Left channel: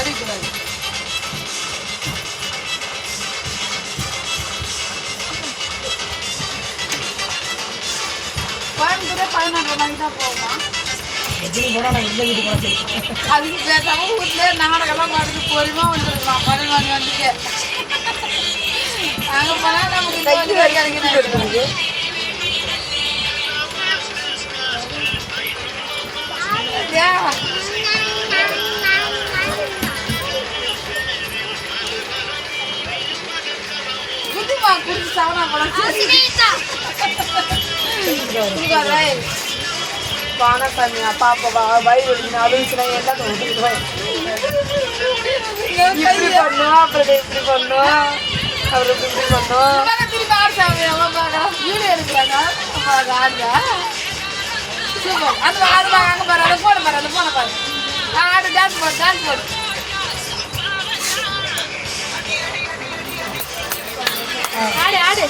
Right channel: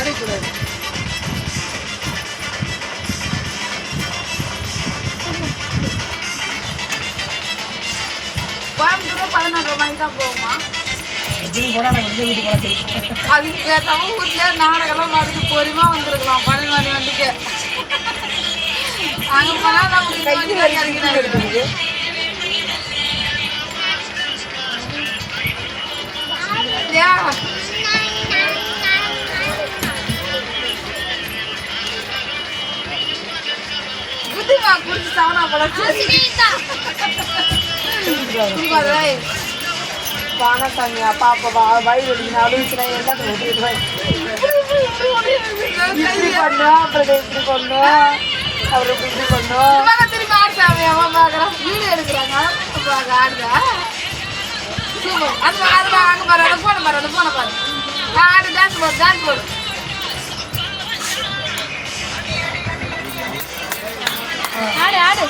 அடிக்கூடாது. கோயம்புத்தூரே 11 மணிக்கு தான் போகுமா? அதுக்கு பேசாம வீட்லயே நாடகம்லாம் பார்த்துட்டு பொறுமையா வந்துருக்கலாம். 12 மணி வந்துட்டு அங்க போனா நமக்கு கிடைக்கிறது. புத்திமா குடிச்சு சாவனா போல. பானசாமியா பாப்பா வயிறு வலிக்கு அழுச்சுனா எல்லாம் இப்படி பண்ணோம், அப்புறம் இப்படி பண்ணோம், அப்புறம் இப்படி பண்ணோம். திரும்பி ஆடுறாங்க வீடு எடுக்கிறாங்க. ஆடுற சூப்பர். அது அது அங்கே பாரு, அதை போன பாரு, அதை போன பாரு. ஆடு டான்ஸ் போடு, டான்ஸ் போடு. ஆடு ஆடு.